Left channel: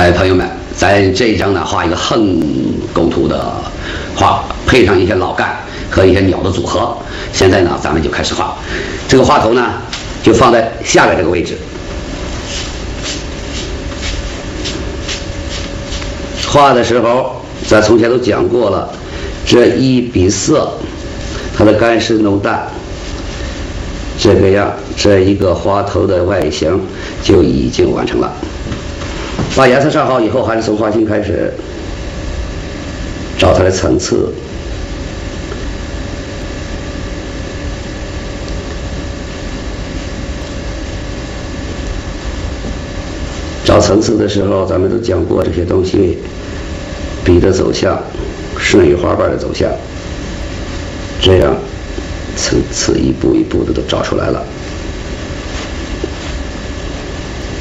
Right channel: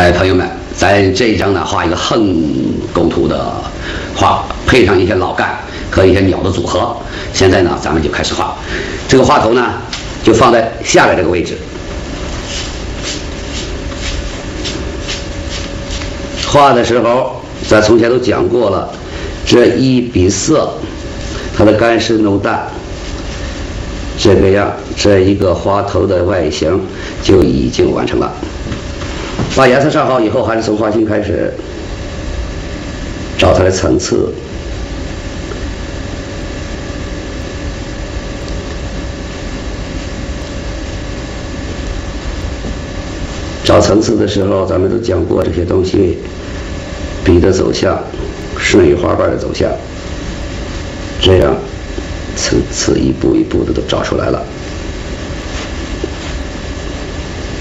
哎，朋友们，咱这一张呢画一个横构图的画，配上一些老干和一些鸟的组合。现在呢，咱们就开始画。这个画头呢，就放在下面这个位置。画的时候，咱从前都讲过了，这一笔色，它的干湿浓淡，这个样，这一个花头的外形就已经完成了。把颜色上好以后，还是从花心开始找它的层次。找层次的时候，咱们都讲过这些东西，笔的走向，顺于花瓣的走向，这样层次一步一步的就找出来了。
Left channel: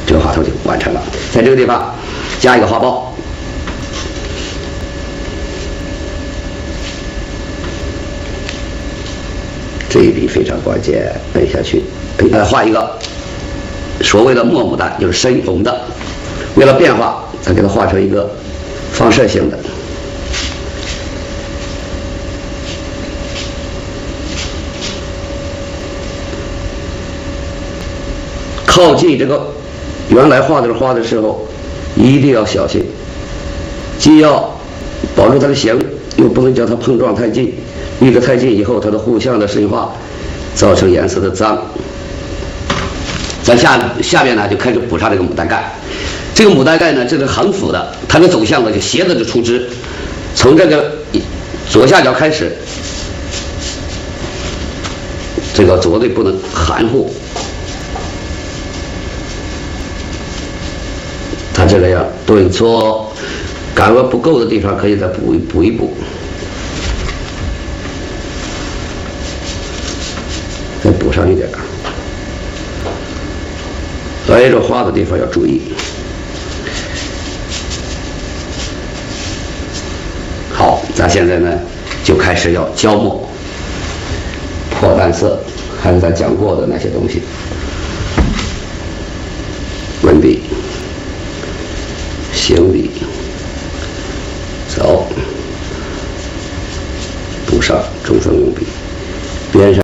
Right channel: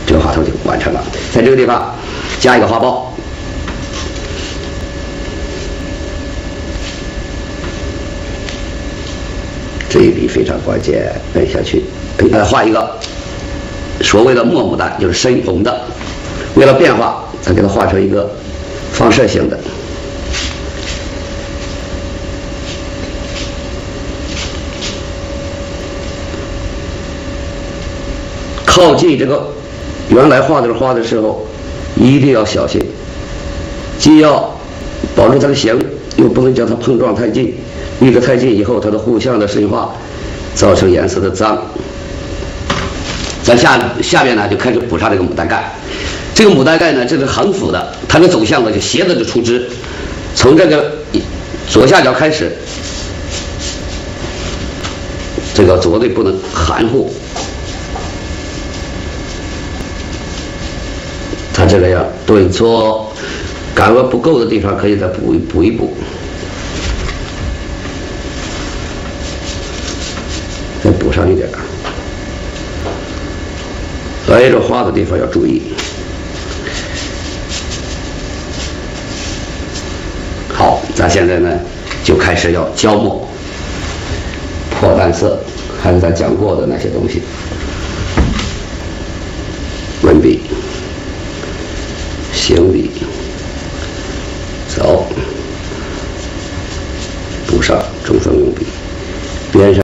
这个花头就完成了。在这个地方加一个花苞，这一笔非常关键，按下去，画一个所谓的墨牡丹，就是深红的。为了变化，咱给它画成一个放射性的。靠近这个原来画的花的时候，一定要小心，既要保持它的形，又不能叫它碰撞太近，离得太近以后，它的互相的深化，造成颜色的脏。咱下面呢就开始补上这个牡丹盖。这个牡丹盖呢，这是横幅的，它的走向呢就斜着的出枝，从这个左下角开始，这个绝对不能含糊。它这个样，对错感觉不够的地方可以再补一补，再补上一点。对着花的地方要注意。好，咱现在呢就开始要浇墨、破淡色，还是咱讲过的那些东西。文笔、行笔。